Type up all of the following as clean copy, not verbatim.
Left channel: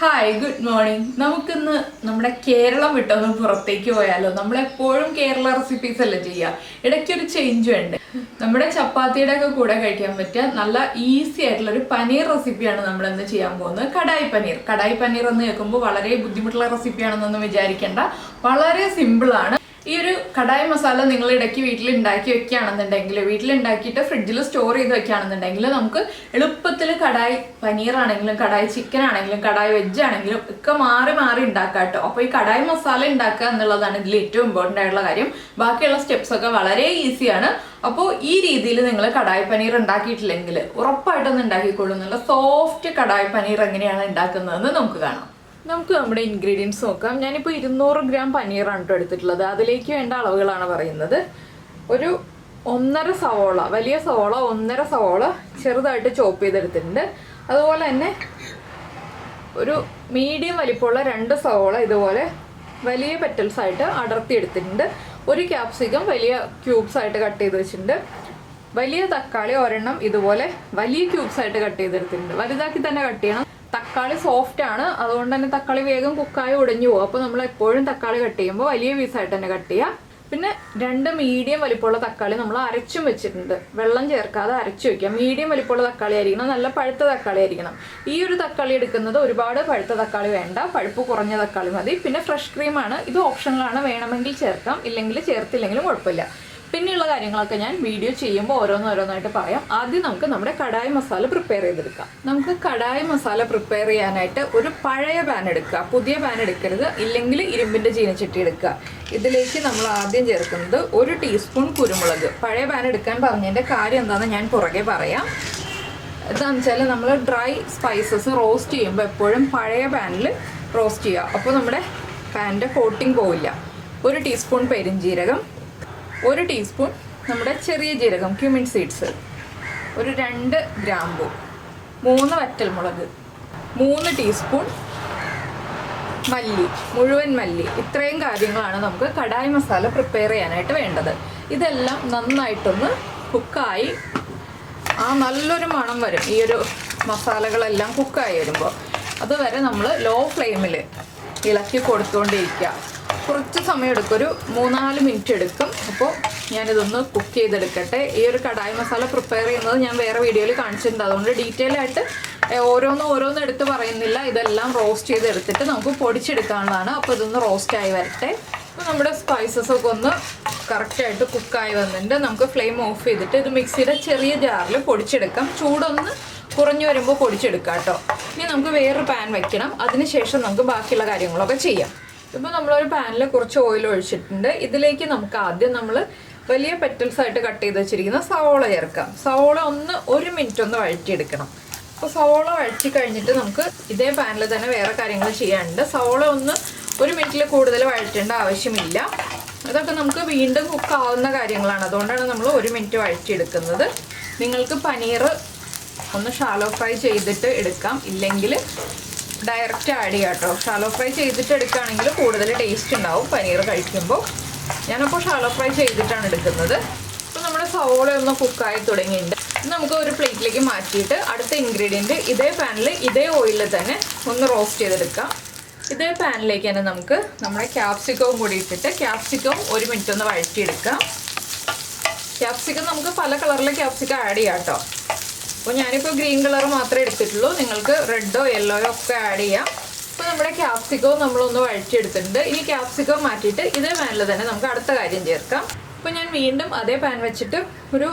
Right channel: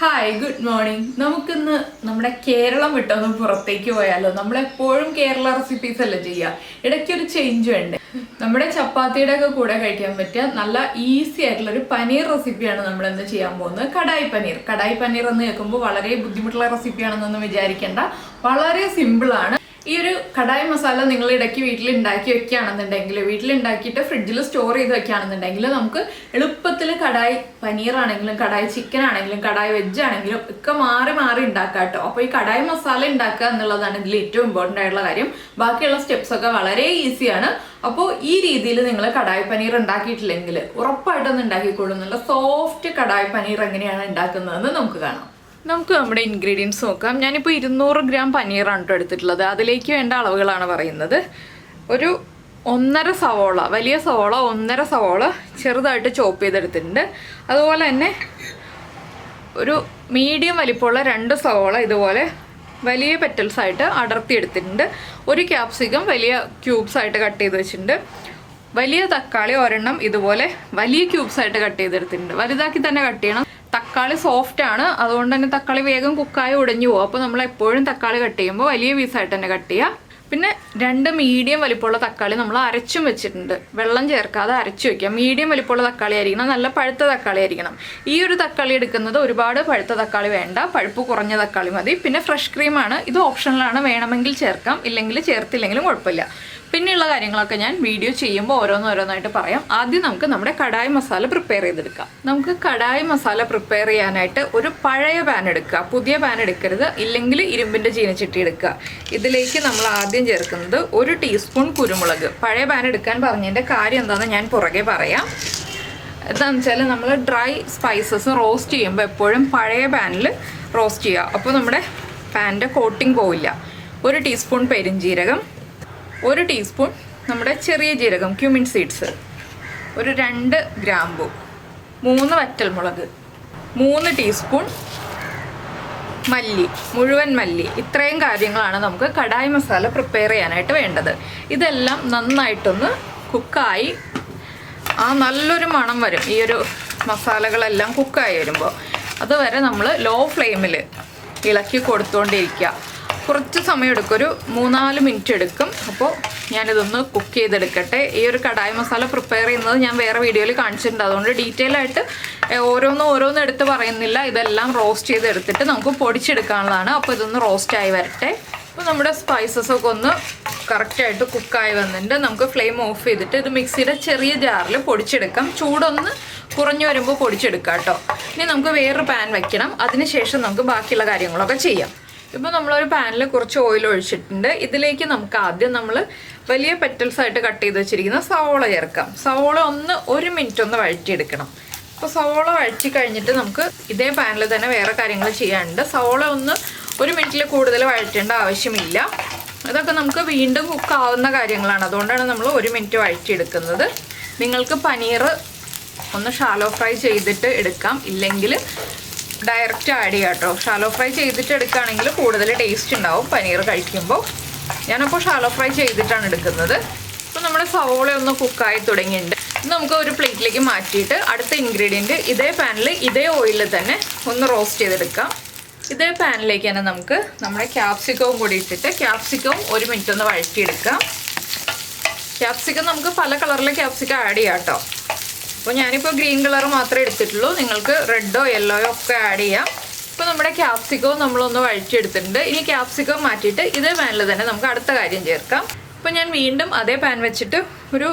Hi good morning. നമുക്കിന്ന് നമ്മുടെ കേരളം വിട്ടൊന്ന് പുറത്തേക്ക് പോയാലോ. നമ്മളെപ്പോഴും കേരള റെസിപ്പീസ് അല്ലേ ചെയ്യുക, ഇടയ്ക്കൊരു ചേഞ്ച് ഉണ്ട്. നമ്മുടെ ചപ്പാത്തിയുടെ ഒക്കെ കൂടെ കഴിക്കാൻ പറ്റിയ നല്ല ഈസി ആയിട്ടുള്ള ഒരു പനീർ റെസിപ്പിയാണ് നമ്മൾ ഇന്ന് ചെയ്യാൻ പോകുന്നത്. കടായി പനീർ. കടായി പനീർ എന്ന് കേൾക്കുമ്പോൾ വളരെ ബുദ്ധിമുട്ടുള്ള റെസിപ്പിയാണെന്നൊന്നും വിചാരിക്കേണ്ട, വളരെ സിമ്പിളാണ്. ഈ ഒരു കടായി മസാല നിങ്ങൾ ഇടയ്ക്ക് വീട്ടിലുണ്ടാക്കി വെക്കുകയാണെന്നുണ്ടെങ്കിൽ, വീട്ടിലുണ്ടാക്കിയിട്ട് ഫ്രിഡ്ജിൽ സ്റ്റോർ ചെയ്ത് വെക്കുകയാണെന്നുണ്ടെങ്കിൽ നമുക്ക് എളുപ്പത്തിൽ കടായി പനീറാണെങ്കിലും കടായി ചിക്കൻ ആണെങ്കിലും കടായി വെജ് ആണെങ്കിലും ഒക്കെ മാറി മാറി ഉണ്ടാക്കാം കേട്ടോ. അപ്പോൾ ഈ കടായി മസാല ഉണ്ടാക്കുക എന്നുള്ളതാണ് ഇതിൽ ഏറ്റവും ഇമ്പോർട്ടൻ്റ് ആയിട്ടുള്ള കാര്യം. ബാക്കിയുള്ള സ്റ്റെപ്സ് ഒക്കെ വളരെ ഈസിയാണ്. അപ്പോൾ ഈ രീതിയിൽ നിങ്ങൾ കടായി പനീർ ഉണ്ടാക്കിയിട്ടില്ലെങ്കിൽ ഉറപ്പായിട്ടൊന്ന് ഉണ്ടാക്കിക്കോളൂ. നല്ല സോഫ്റ്റ് കടായി പനീർ എങ്ങനെയാണ് ഉണ്ടാക്കുന്നതെന്ന് നമുക്ക് കാണാം. നമുക്ക് നമ്മുടെ ഇൻഗ്രീഡിയൻസ് നോക്കാം. ഞാനിപ്പോൾ 200 ഗ്രാം പനീറാണ് കേട്ടോ എടുത്തിട്ടുള്ളത്. അതിലേക്ക് വേണ്ട അളവുകളാണ് പറയുന്നത്. ഒരു 1.5 സവോള, വലിയ സവോള 1.5 സവോള ചെറുതായിട്ട് ചോപ്പ് ചെയ്തെടുത്തിട്ടുണ്ട്. അതുപോലെ തന്നെ ഒരു മീഡിയം വലിപ്പമുള്ള 2 സവോള ഇതുപോലെ വലിയ പെറ്റൽസ് ആയിട്ട് അടർത്തി എടുത്തിട്ടുണ്ട്. ഒരു ക്യാപ്സിക്കം വലിയ ക്യൂബ്സ് ആയിട്ട് കട്ട് ചെയ്ത് വെച്ചിട്ടുണ്ട്. വലിയ തക്കാളി ഒരെണ്ണം ഇതുപോലെ വലിയ ക്യൂബ്സ് ആയിട്ട് കട്ട് ചെയ്തെടുത്തിട്ടുണ്ട്. വലുതാക്കി തന്നെ കട്ട് ചെയ്യണം. തക്കാളി സോഫ്റ്റ് ആണ്, അതുകൊണ്ട് തന്നെ തക്കാളി വേഗം കുക്കായി ഉടഞ്ഞു പോകും. അപ്പോൾ നമ്മൾ എപ്പോഴും തക്കാളി കട്ട് ചെയ്യുമ്പോൾ വലിയ പീസായിട്ട് തന്നെ കട്ട് ചെയ്യുക. പിന്നെ 2 മീഡിയം വലിപ്പമുള്ള തക്കാളി നമ്മൾ അരച്ചും വെച്ചിട്ടുണ്ട്. വെള്ളം ചേർക്കാതെ അരച്ചു വെക്കുക. മീഡിയം വലിപ്പമുള്ള തക്കാളി ആയിരിക്കണം, നല്ല പഴുത്ത തക്കാളി ആയിരിക്കണം. ഈ ഒരു തക്കാളി എടുക്കുന്നത് ഒരുപാട് പഴുത്ത തക്കാളി വേണ്ട, പഴുപ്പ് കുറഞ്ഞ തക്കാളി മതി. പിന്നെ ഫ്രഷ് ക്രീമാണ്, ഇത് ഓപ്ഷണലാണ്, വേണമെങ്കിൽ ചേർക്കാം, ഇല്ലെങ്കിൽ ചേർത്തില്ലെങ്കിലും കുഴപ്പമില്ല. പിന്നെയുള്ള കാര്യങ്ങളൊക്കെ ഞാൻ വീഡിയോ ചെയ്യുമ്പോൾ ഓരോന്നോരോന്നായിട്ട് പറയാം. ആദ്യം നമുക്ക് നമ്മുടെ കടായി മസാല പ്രിപ്പയർ ചെയ്തെടുക്കാം. നമുക്ക് കടായി മസാല പ്രിപ്പയർ ചെയ്യാനായിട്ട് ഒരു പഴയ പാൻ എടുക്കുക. പുതിയ പാൻ എടുക്കരുത്, ഇല്ലെങ്കിൽ ഇരുമ്പിൻ്റെ ചീനച്ചട്ടി എടുക്കുക. ഇതിലേക്ക് നമ്മൾ ആദ്യം ചേർക്കുന്നത് 1 ടീസ്പൂൺ കുരുമുളക്. പഴയ പാൻ എടുക്കാൻ പറഞ്ഞതിൻ്റെ കാര്യം എന്താണെന്ന് ഞാൻ പുറകെ പറയാം. എന്താണെന്ന് വെച്ചാൽ നമ്മൾ ഡ്രൈ സ്പൈസസ് റോസ്റ്റ് ചെയ്യുമ്പോൾ എപ്പോഴും പഴയ പാനിൽ റോസ്റ്റ് ചെയ്യുക. അപ്പോൾ നമ്മുടെ പാനിൻ്റെ കോട്ടിങ് പോവില്ല. 1 ടീസ്പൂൺ പെരിഞ്ജീരകം, 1 ടീസ്പൂൺ നമ്മുടെ ചെറിയ ജീരകം ക്യൂമിൻ സീഡ്സ്, ഒരു 2 ഗ്രാമ്പു, 3 വറ്റൽമുളക്, 3 ടീസ്പൂൺ മല്ലി, മുഴുവൻ മല്ലി. ഇത്രയും കാര്യങ്ങളാണ് നമുക്ക് കടായി മസാല പ്രിപ്പയർ ചെയ്യാനായിട്ട് വേണ്ടത്. ഇതെല്ലാം നന്നായിട്ടൊന്ന് കുക്കായി നല്ലൊരു മണം വരും. ഈ ഒരു മസാലകളെല്ലാം കുക്കായി വരുമ്പോൾ അതുവരെ നമ്മൾ ലോ ഫ്ലെയിമിൽ ഇളക്കി കൊടുത്തുകൊണ്ടിരിക്കുക. കുറച്ച് സമയം എടുക്കും, ഒരു 3-4 മിനിറ്റ് എടുക്കും. അപ്പോൾ ഞാനിതൊന്ന് കുക്ക് ചെയ്തെടുക്കട്ടെ. ഈ ഒരു കടായി മസാല പ്രിപ്പയർ ചെയ്യുന്നത് ഞാൻ വേറെ വീഡിയോയിൽ കാണിച്ചിട്ടുണ്ട്, അതുകൊണ്ട് ഡീറ്റെയിൽ ആയിട്ട് ഓരോന്ന് എടുത്ത് പറയുന്നില്ല. ഇതെല്ലാം റോസ്റ്റ് ചെയ്തെടുത്തിട്ട് നമുക്ക് പൊടിച്ചെടുക്കാനുള്ളതാണ്. അപ്പോൾ ഇതൊന്ന് റോസ്റ്റായി വരട്ടെ. അപ്പോൾ നമ്മുടെ സ്പൈസസ് ഒക്കെ ഒന്ന് കറക്റ്റായിട്ട് കുക്കായി വന്നിട്ടുണ്ട്. നമുക്ക് ഫ്ലെയിം ഓഫ് ചെയ്തിട്ട് ഇത് മിക്സിയുടെ ചെറിയ ജാറിൽ പൊടിച്ചെടുക്കാം. ചൂടൊന്ന് കുറഞ്ഞു വരുമ്പോൾ പൊടിച്ചെടുക്കാം കേട്ടോ. ഇനി നമുക്ക് വേറൊരു പാൻ വയ്ക്കണം. അതിനുശേഷം നമുക്ക് ബാക്കിയുള്ള കാര്യങ്ങളൊക്കെ ചെയ്യാം. ഇപ്പോൾ നമ്മളൊരു പാനിൽ കുറച്ച് ഓയിൽ ഒഴിച്ചിട്ടുണ്ട്. ഇതിലേക്ക് നമുക്ക് ആദ്യം നമ്മൾ വലിയ പെറ്റൽസ് ആയിട്ട് കട്ട് ചെയ്ത് വെച്ചിരിക്കുന്ന സവോള ചേർക്കാം. സവോള 1 മിനിറ്റ് ഒന്ന് വഴറ്റിയെടുക്കണം. അപ്പോൾ സവോള വഴറ്റി കഴിഞ്ഞിട്ട് നമുക്ക് ഇതേ പാനിൽ തന്നെ വേറെ കാര്യങ്ങൾ ചെയ്യാനുണ്ട്. സവോള 1 മിനിറ്റിൽ കൂടുതൽ വഴറ്റേണ്ട ആവശ്യമില്ല. അതൊക്കെ നമുക്ക് വീണ്ടും കുക്കാവുന്ന കാര്യങ്ങളാണ്, അതുകൊണ്ടാണ് നമ്മൾ 1 മിനിറ്റ് വഴറ്റിയെടുക്കുന്നത്. നിങ്ങൾക്ക് പനീർ ഒന്ന് ഷാലോ ഫ്രൈ ചെയ്തിട്ട് എടുക്കാം, ഇല്ലെങ്കിൽ ഡയറക്റ്റ് ആഡ് ചെയ്യാം കേട്ടോ. ഷാലോ ഫ്രൈ ചെയ്തിട്ട് എടുക്കുകയാണെങ്കിൽ കൂടുതൽ ടേസ്റ്റ് ഉണ്ടാവും പനീർ കഴിക്കുമ്പോൾ. ഞാനപ്പോൾ ഷാലോ ഫ്രൈ ചെയ്തിട്ടാണ് എടുക്കുന്നത്. അപ്പോൾ നമ്മുടെ സവോള ഒന്ന് കുക്കായി തുടങ്ങിയിട്ടുണ്ട്. നമുക്ക് ഒരു പ്ലേറ്റിലേക്ക് മാറ്റിയിട്ട് അടുത്ത ഇൻഗ്രീഡിയൻറ്റ് ഇതേ പാനിൽ ഇതേ ഓയിലിൽ തന്നെ ഒന്ന് റോസ്റ്റ് ചെയ്തെടുക്കാം. ഇതേ പാനിലേക്ക് തന്നെ നമുക്ക് നമ്മുടെ ക്യാപ്സിക്കവും കൂടി ഇട്ടിട്ട് ക്യാപ്സിക്കവും 1 മിനിറ്റ് ഒന്ന് വഴറ്റിയെടുക്കാം. ക്യാപ്സിക്കം നമുക്ക് പല കളറിലെ ക്യാപ്സിക്കം ആഡ് ചെയ്യാം കേട്ടോ. അപ്പോൾ ഞാനിപ്പോൾ ഗ്രീൻ കളർ മാത്രമേ എടുത്തിട്ടുള്ളൂ, നിങ്ങൾക്ക് റെഡോ യെല്ലോയോ ഒക്കെ ആഡ് ചെയ്യാം. ഇപ്പോൾ നമ്മുടെ ക്യാപ്സിക്കവും നമ്മളൊന്ന് വഴറ്റിയെടുത്തിട്ടുണ്ട്. ഇനി ക്യാപ്സിക്കം മാറ്റിയിട്ട് ഇതേ പാനിൽ തന്നെ നമുക്ക് അടുത്ത കാര്യം ചേർക്കാം. അപ്പോൾ ഞാൻ വീണ്ടും അതേ പാൻ വെച്ചിട്ട് ഒരു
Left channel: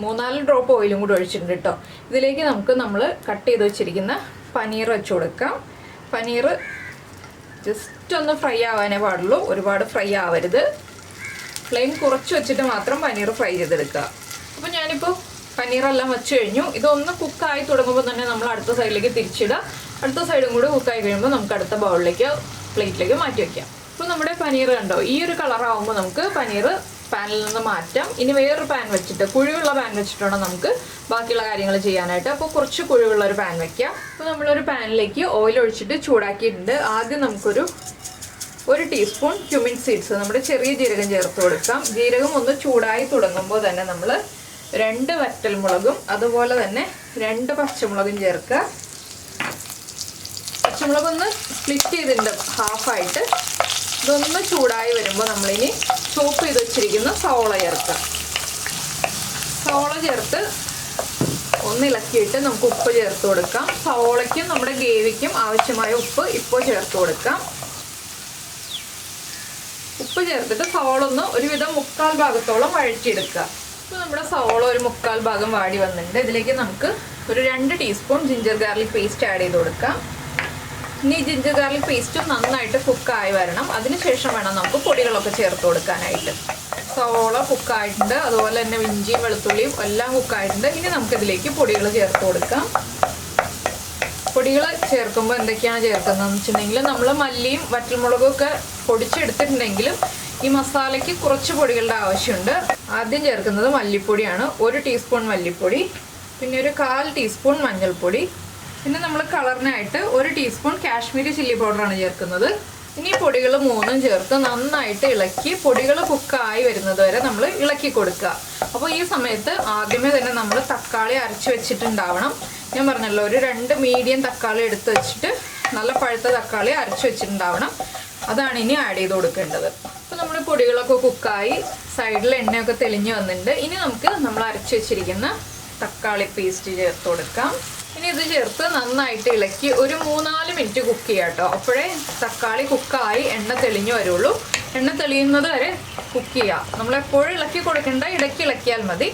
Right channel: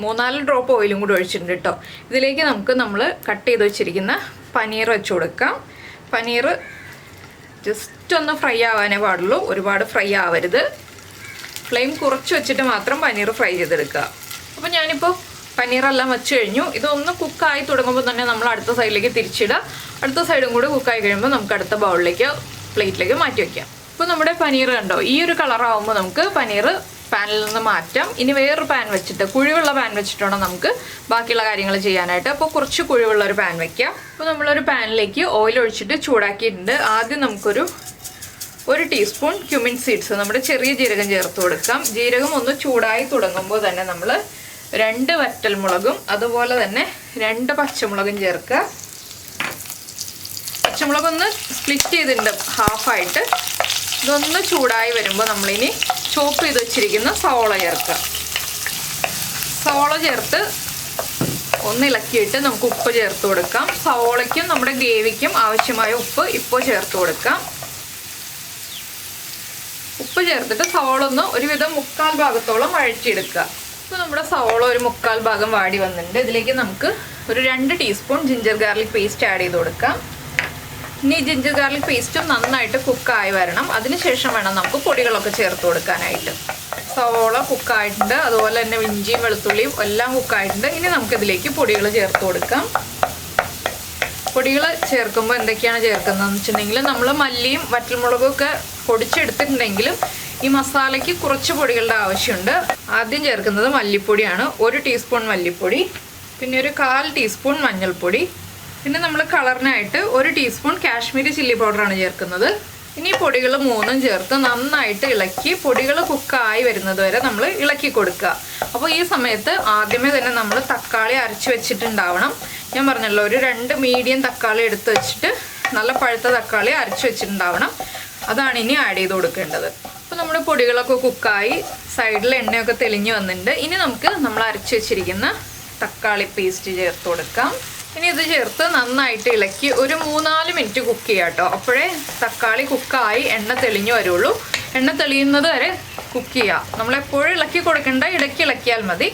3-4 ഡ്രോപ്പ് ഓയിലും കൂടി ഒഴിച്ചിട്ടുണ്ട് കേട്ടോ. ഇതിലേക്ക് നമ്മൾ കട്ട് ചെയ്ത് വെച്ചിരിക്കുന്ന പനീർ വെച്ച് കൊടുക്കാം. പനീർ ജസ്റ്റ് ഒന്ന് ഫ്രൈ ആവാനേ പാടുള്ളൂ, ഒരുപാട് ഫ്രൈ ആവരുത്. ഫ്ലെയിം കുറച്ച് വെച്ചിട്ട് മാത്രം പനീർ ഫ്രൈ ചെയ്തെടുക്കുക. അപ്പോൾ ഞാനിപ്പോൾ പനീറെല്ലാം വെച്ച് കഴിഞ്ഞു. ഇതൊന്ന് കുക്കായി തുടങ്ങുമ്പോൾ തന്നെ നമ്മൾ അടുത്ത സൈഡിലേക്ക് തിരിച്ചിടുക. അടുത്ത സൈഡും കൂടി കുക്കായി കഴിയുമ്പോൾ നമുക്ക് അടുത്ത ബൗളിലേക്ക് പ്ലേറ്റിലേക്ക് മാറ്റി വയ്ക്കാം. ഇപ്പോൾ നമ്മുടെ പനീർ കണ്ടോ, ഈ ഒരു കളറാകുമ്പോൾ നമുക്ക് പനീർ പാനിൽ നിന്ന് മാറ്റാം. ഇനി വേറൊരു പാൻ വെച്ചിട്ട്, കുഴിവുള്ള പാൻ വെച്ചിട്ടാണ് നമുക്ക് ബാക്കിയുള്ള കാര്യങ്ങൾ ചെയ്യാനായിട്ട്. അപ്പോൾ കുറച്ച് കുഴിവുള്ള ഒരു പാൻ വയ്ക്കാം. അപ്പോൾ നമ്മളൊരു പാനിലേക്ക് ഓയിൽ ഒഴിച്ചിട്ട് ചൂടാക്കിയിട്ടുണ്ട്. ആദ്യം നമുക്കൊരു 1 ടീസ്പൂൺ ക്യൂമിൻ സീഡ്സ്, നമ്മുടെ ചെറിയ ജീരകം ചേർത്ത് കൊടുക്കാം. ജീരകം ഒന്ന് ചൂടായി തുടങ്ങുമ്പോൾ തന്നെ നമ്മൾ 2 വറ്റൽമുളകും അതുപോലെ തന്നെ 2 പച്ചമുളകും ചേർക്കുക. പച്ചമുളകൊന്ന് സ്പ്ലിറ്റ് ചെയ്തിട്ടുണ്ട് ഹാഫായിട്ട്. ഇതൊന്ന് ചൂടായി വരുമ്പോൾ നമ്മളിനി ചോപ്പ് ചെയ്ത് വെച്ചിരിക്കുന്ന സവോള ചേർക്കുക. സവോള ചേർത്ത് ഒന്ന് ഇളക്കിയിട്ട് നമുക്ക് ഉപ്പ് ചേർത്ത് കൊടുക്കാം. സവോളയ്ക്കും നമ്മുടെ ഗ്രേവിക്കും ആവശ്യമായ ഉപ്പ് ഇപ്പോൾ ചേർത്ത് കൊടുക്കാം. ഉപ്പ് ചേർത്തിട്ട് സവോള ഒന്ന് ഒരുവിധം 1/4 ഭാഗത്തോളം വഴറ്റിയെടുക്കുക. ഇപ്പോൾ നമ്മുടെ സവോള ഒരു 1/4 ഭാഗം വാടി വന്നിട്ടുണ്ട്. ഇതിലേക്ക് നമുക്ക് ഒരു 2 teaspoon ginger garlic paste add ചെയ്ത് കൊടുക്കാം. ഇനി ജിഞ്ചർ ഗാർലിക് പേസ്റ്റ് നന്നായിട്ട് കുക്കായി വരണം. അതിനുശേഷം വേണം നമുക്ക് പൊടികളൊക്കെ ചേർത്ത് കൊടുക്കാനായിട്ട്. സവോള കുക്കായിട്ടുണ്ട്, അതുപോലെ തന്നെ ഇഞ്ചിയും വെളുത്തുള്ളിയും എല്ലാം കുക്കായിട്ടുണ്ട്. ഇനി നമുക്കിതിലേക്ക് പൊടികൾ ചേർത്ത് കൊടുക്കാം. പൊടികൾ ചേർക്കുമ്പോൾ എന്തൊക്കെയാണ് ചേർക്കുന്നതെന്ന് വെച്ചിട്ടുണ്ടെങ്കിൽ നമ്മൾ മല്ലിയും വറ്റൽമുളകും ഒക്കെ പൊടിച്ചെടുത്തിട്ടുണ്ടെങ്കിലും ഈ മസാലയ്ക്ക് കുറച്ച് പൊടികളുടെ ആവശ്യമുണ്ട്. ആദ്യം ചേർക്കുന്നത് മല്ലിപ്പൊടിയാണ്. 1 ടീസ്പൂൺ മല്ലിപ്പൊടി, പിന്നെ ഒരു 1/4 ടീസ്പൂൺ മഞ്ഞൾപ്പൊടി, പിന്നെ നമ്മൾ കളറിനായിട്ട് 1 ടീസ്പൂൺ കാശ്മീരി ചില്ലി പൗഡറാണ് ചേർക്കുന്നത്. ഇനി പൊടികൾ 3ഉം ചേർത്ത് നന്നായിട്ട് ഇളക്കി പൊടികൾ കുക്കായി വരുന്നത് വരെ നമ്മൾ ഇളക്കി കൊടുക്കുക. അപ്പോൾ ഈ സമയത്ത് ആദ്യമേ തന്നെ നമ്മൾ തക്കാളി അരച്ച് വെച്ചിട്ടുണ്ടാവണം. ഞാൻ പറഞ്ഞല്ലോ, ഒരു 2 മീഡിയം തക്കാളി എടുത്ത് വെച്ചിട്ട് നല്ല പഴുത്ത തക്കാളി അരച്ച് വെച്ചിട്ടുണ്ടാവണം. അതാണ് ഇനി ആഡ് ചെയ്ത് കൊടുക്കേണ്ടത്. അപ്പോൾ നമ്മുടെ പൊടികളൊക്കെ കുക്കായി സൈഡിൽ എണ്ണയൊക്കെ തെളിഞ്ഞ് വന്നിട്ടുണ്ട്. ഇനി നമുക്ക് നമ്മൾ അരച്ച് വെച്ചിരിക്കുന്ന തക്കാളി പേസ്റ്റ് ചേർത്ത് കൊടുക്കാം. ഇനി ഇത് ചേർത്ത് നന്നായിട്ട് ഇളക്കി ഒരു 3-4 മിനിറ്റ് കുക്ക് ചെയ്യാം കേട്ടോ. അപ്പോഴേ തക്കാളി കുക്കായി എണ്ണ തെളിഞ്ഞു വരുള്ളൂ. എണ്ണ തെളിയുന്നത് വരെ കുക്ക് ചെയ്യാം. നമ്മളെപ്പോഴും ഇളക്കി കൊടുക്കേണ്ട, ഇടയ്ക്ക് ഇളക്കിയാൽ മതി.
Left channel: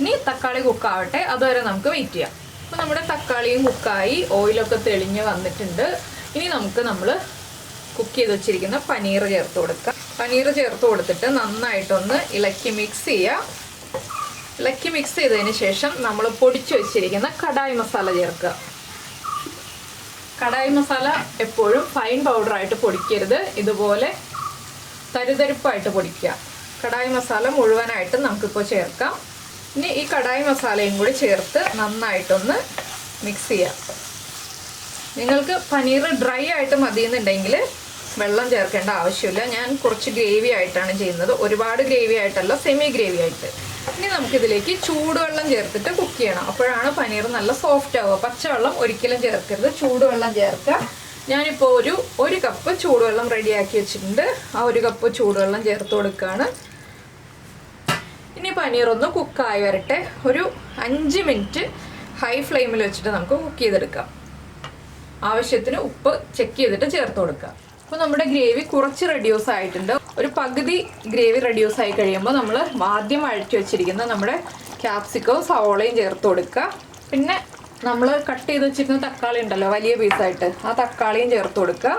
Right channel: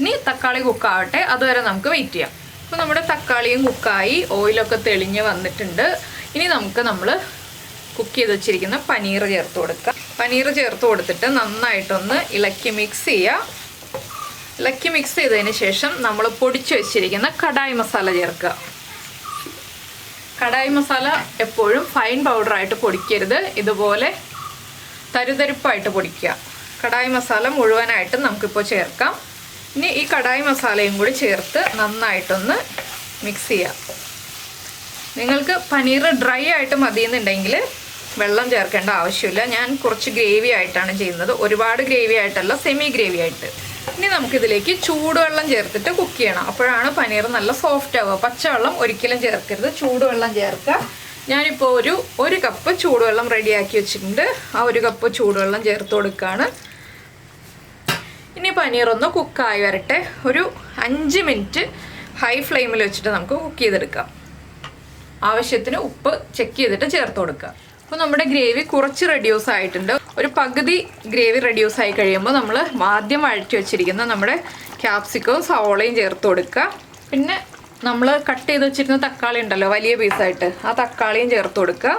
ഇനി തക്കാളി കുക്കാവട്ടെ, അതുവരെ നമുക്ക് വെയിറ്റ് ചെയ്യാം. അപ്പോൾ നമ്മുടെ തക്കാളിയും കുക്കായി ഓയിലൊക്കെ തെളിഞ്ഞ് വന്നിട്ടുണ്ട്. ഇനി നമുക്ക് നമ്മൾ കുക്ക് ചെയ്ത് വെച്ചിരിക്കുന്ന പനീർ ചേർത്ത് കൊടുക്കാം. പനീർ ചേർത്ത് കൊടുത്തിട്ട് നന്നായിട്ടൊന്ന് ഇളക്കി മിക്സ് ചെയ്യുക. ഇളക്കി മിക്സ് ചെയ്തതിന് ശേഷം നമ്മൾ പൊടിച്ചു വെച്ചിരിക്കുന്ന കടായി മസാല ചേർക്കുക. കടായി മസാല എപ്പോഴും ഫൈൻ പൗഡറായിട്ട് പൊടിക്കരുത്, ഇതുപോലെ തരുതരിപ്പായിട്ട് പൊടിക്കുക. കടായി മസാല മുഴുവനായിട്ട് നമുക്കിപ്പോൾ ചേർക്കാം. ഇനി ഈ കടായി മസാലയും കൂടി ചേർത്ത് നന്നായിട്ടൊന്ന് മിക്സ് ചെയ്യാം. നിങ്ങൾക്ക് പനീർ ഡ്രൈ ആയിട്ട് മതിയെന്നുണ്ടെങ്കിൽ വെള്ളം ചേർക്കേണ്ട ആവശ്യമില്ല. ഞാൻ കുറച്ച് ഗ്രേവി ആയിട്ടാണ് ചെയ്യുന്നത്, ഒരുപാട് ഗ്രേവി ആയിട്ടല്ല, സെമി ഗ്രേവി ആയിട്ട്. ഇനി നമുക്കിതിലേക്ക് ചൂടുവെള്ളം ചേർത്തിട്ട് കുക്ക് ചെയ്യണം. അപ്പോഴാണ് പനീർ നല്ല സോഫ്റ്റ് ആവുക. പച്ചവെള്ളം ഒരിക്കലും ചേർക്കരുത്, ചൂടുവെള്ളം ചേർക്കുക. ഞാനിപ്പോൾ ഒരു കപ്പ് ചൂടുവെള്ളം റെഡിയാക്കി വെച്ചിട്ടുണ്ട്. ആ 1 കപ്പ് ചൂടുവെള്ളം ചേർത്ത് കൊടുക്കുകയാണ്. ഇനി പനീർ ഒന്ന് കുക്കായി വരട്ടെ. ഒരു 5 മിനിറ്റ് ഹൈ ഫ്ലെയിമിൽ വെച്ചിട്ട് നമുക്ക് കുക്ക് ചെയ്തെടുക്കാം. ആവശ്യത്തിന് ഉപ്പ് ചെക്ക് ചെയ്തിട്ട് ചേർത്ത് കൊടുക്കുക. അപ്പോൾ നമ്മുടെ ഗ്രേവി കുറച്ച് റെഡ്യൂസ് ആയിട്ടുണ്ട്. ഒരു പകുതി ഗ്രേവി റെഡ്യൂസ് ആയി കഴിയുമ്പോൾ നമ്മൾ ആദ്യം വഴറ്റി വെച്ചിരിക്കുന്ന നമ്മുടെ ക്യാപ്സിക്കവും സവോളയും ചേർത്ത് കൊടുക്കുക. പിന്നെ നമ്മൾ കട്ട് ചെയ്ത് വെച്ചിരുന്ന തക്കാളി ഉണ്ടല്ലോ വലിയ പീസായിട്ട്, ആ തക്കാളിയും ചേർത്ത് കൊടുക്കുക.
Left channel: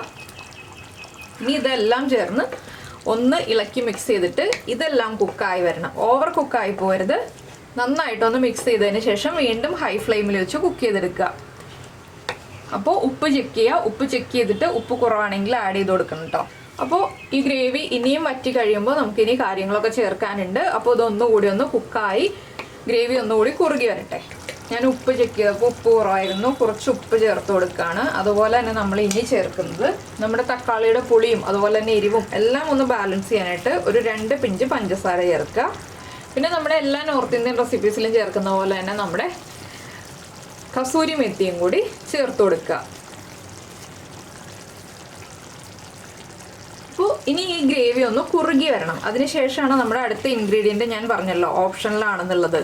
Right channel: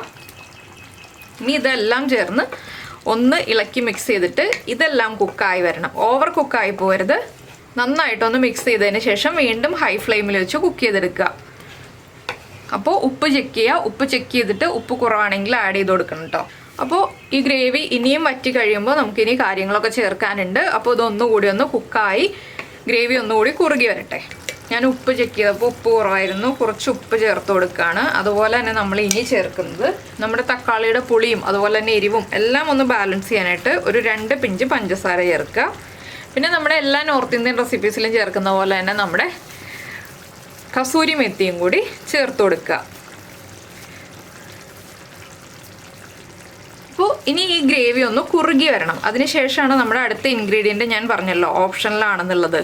ഇനി ഇതെല്ലാം ചേർന്ന് ഒന്ന് ഇളക്കി മിക്സ് ചെയ്തിട്ട് ഇതെല്ലാം കുക്കായി വരണം. ഓവർ കുക്കായി പോകരുത്. നന്നായിട്ടൊന്ന് മിക്സ് ചെയ്തതിന് ശേഷം വീണ്ടും ഹൈ ഫ്ലെയിമിൽ വെച്ച് കുക്ക് ചെയ്തെടുക്കുക. അപ്പോൾ ഉപ്പ് ചെക്ക് ചെയ്യുക. ഉപ്പ് ചെക്ക് ചെയ്തിട്ട് ഉപ്പ് കുറവാണെങ്കിൽ ആഡ് ചെയ്ത് കൊടുക്കണം കേട്ടോ. അപ്പോൾ ഈ ഗ്രേവി ഇനിയും വറ്റി കഴിയുമ്പോൾ നമുക്കിനി കാര്യങ്ങളൊക്കെ ചേർക്കാനുണ്ട്. അപ്പോൾ ഇതൊന്നുകൂടി ഒന്ന് കുക്കായി ഗ്രേവി ഒന്നുകൂടി കുറുകി വരട്ടെ. ഞാൻ ഉപ്പ് ചെക്ക് ചെയ്തപ്പോൾ ഉപ്പ് കുറവായിരുന്നു, കുറച്ച് ഉപ്പ് ചേർത്ത് കൊടുക്കുകയാണ്. അതുപോലെ തന്നെ നമ്മൾ ഇനി ചേർക്കുന്നത് നമ്മുടെ തക്കാളിയുടെ പുളിയും അതുപോലെ തന്നെ എരിവും എല്ലാം ഒന്ന് ബാലൻസ് ചെയ്യാനായിട്ട് ഒരു 2 പിഞ്ച് പഞ്ചസാര ചേർക്കുക. പിന്നെ നമ്മുടെ എല്ലാ നോർത്ത് ഇന്ത്യൻ റെസിപ്പീസിലും ചേർക്കുന്ന പോലെ തന്നെ നമ്മുടെ കസൂരി മെത്തിയും കൂടി ചേർത്ത് കൊടുക്കുക. അപ്പോൾ ഇനി ഈ ഗ്രേവി ഒന്ന് കുറുകി വരണം. അതിനുശേഷമാണ് നമ്മുടെ അടുത്ത ഇൻഗ്രീഡിയൻറ്റ് ഞാൻ പറഞ്ഞല്ലോ ഓപ്ഷനിലാണെന്നുള്ളത്,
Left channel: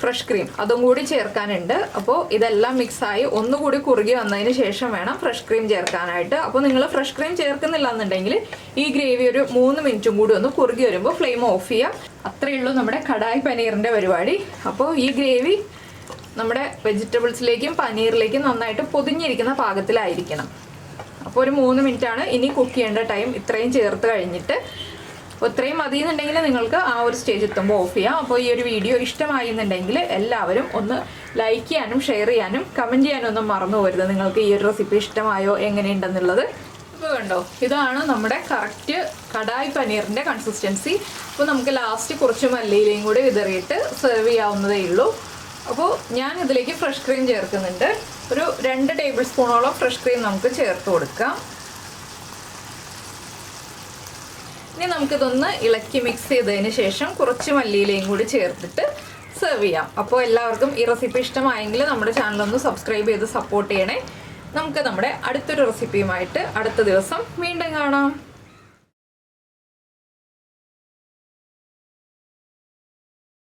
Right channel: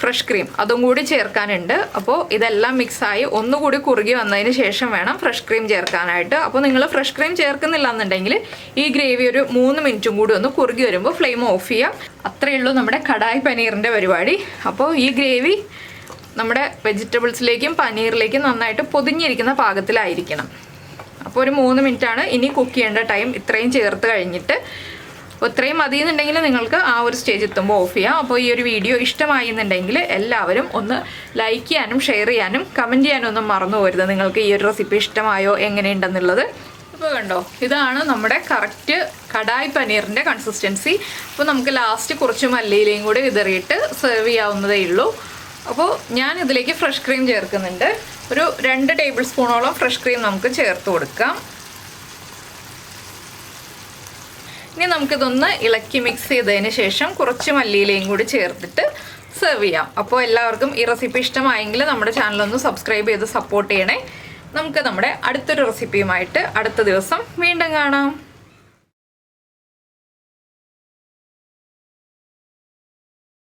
ഫ്രഷ് ക്രീം. അതും കൂടി ചേർക്കാനുണ്ട്. അപ്പോൾ ഇതെല്ലാം മിക്സായി ഒന്നുകൂടി കുറുകി വന്നതിന് ശേഷം വേണം ഫ്രഷ് ക്രീം ചേർക്കാനായിട്ട്. അപ്പോൾ നിങ്ങൾ ഫ്രഷ് ക്രീം ചേർക്കുന്നില്ല എന്നുണ്ടെങ്കിൽ ഈ ഗ്രേവി ഒരു 3 മിനിറ്റും കൂടി ഒന്ന് കുറുകി വരുമ്പോൾ ഫ്ലെയിം ഓഫ് ചെയ്യുക. അത്രയേ ഉള്ളൂ നമ്മുടെ കടായി പനീറിൻ്റെ പരിപാടി. അപ്പോൾ ഈ ഗ്രേവി നമ്മുടെ വെജിറ്റബിൾസിലേക്കും പനീറിലേക്കും നന്നായിട്ട് പൊതിഞ്ഞിരിക്കുന്ന പാകത്തിലായിരിക്കണം. അപ്പോൾ ഒരു 3 മിനിറ്റാണ് ഇനി കുക്ക് ചെയ്യേണ്ട ടൈം. ഇത്രയും ചേർത്ത് കഴിഞ്ഞിട്ട് ഇത്രയും മതി എന്നുണ്ടെങ്കിൽ നിങ്ങൾക്ക് ആ ഒരു സ്റ്റേജ് എത്തുമ്പോൾ ഓഫ് ചെയ്യാം. അപ്പോൾ ഈ ഒരു വീഡിയോ ഇഷ്ടമായി എന്നുണ്ടെങ്കിൽ എല്ലാവരും ഒന്ന് ലൈക്ക് ചെയ്യാനും ഷെയർ ചെയ്യാനും കമൻറ്റ് ചെയ്യാനും ഒന്നും മറന്നു പോകരുത്. നിങ്ങൾക്ക് ഈ ഒരു റെസിപ്പി ഇഷ്ടമായോ എങ്ങനെയുണ്ടെന്നുള്ളത്. ഇപ്പോൾ കണ്ടോ, ഇതാണ് നമ്മുടെ കറക്റ്റ് കടായി പനീറിൻ്റെ കൺസിസ്റ്റൻസി. അപ്പോൾ നമുക്ക് ലാസ്റ്റ് കുറച്ച് മല്ലിയിലയും കൂടി വിതറിയിട്ട് സെർവ് ചെയ്യാവുന്നതേ ഉള്ളൂ. അപ്പോൾ ഞാൻ ഇതിലേക്ക് ഫ്രഷ് ക്രീം ചേർക്കുന്നുണ്ട്. ഒരു 2 ടേബിൾ സ്പൂണോളം ഫ്രഷ് ക്രീം നമുക്ക് ചേർത്ത് കൊടുക്കാം. ഇനി നമുക്കിതൊന്ന് ഇളക്കി മിക്സ് ചെയ്തതിന് ശേഷം കുറച്ച് മല്ലിയിലയും കൂടി ചേർത്തിട്ട് സെർവ് ചെയ്യാം. അപ്പോൾ എല്ലാവർക്കും ഈ റെസിപ്പി ഇഷ്ടമായെങ്കിൽ നമ്മുടെ ചാനലൊന്ന് സബ്സ്ക്രൈബ് ചെയ്ത് സപ്പോർട്ട് ചെയ്യണേ. നമുക്ക് നമ്മുടെ അടുത്തൊരു റെസിപ്പിയുമായിട്ട് അടുത്ത ദിവസം വീണ്ടും കാണാം.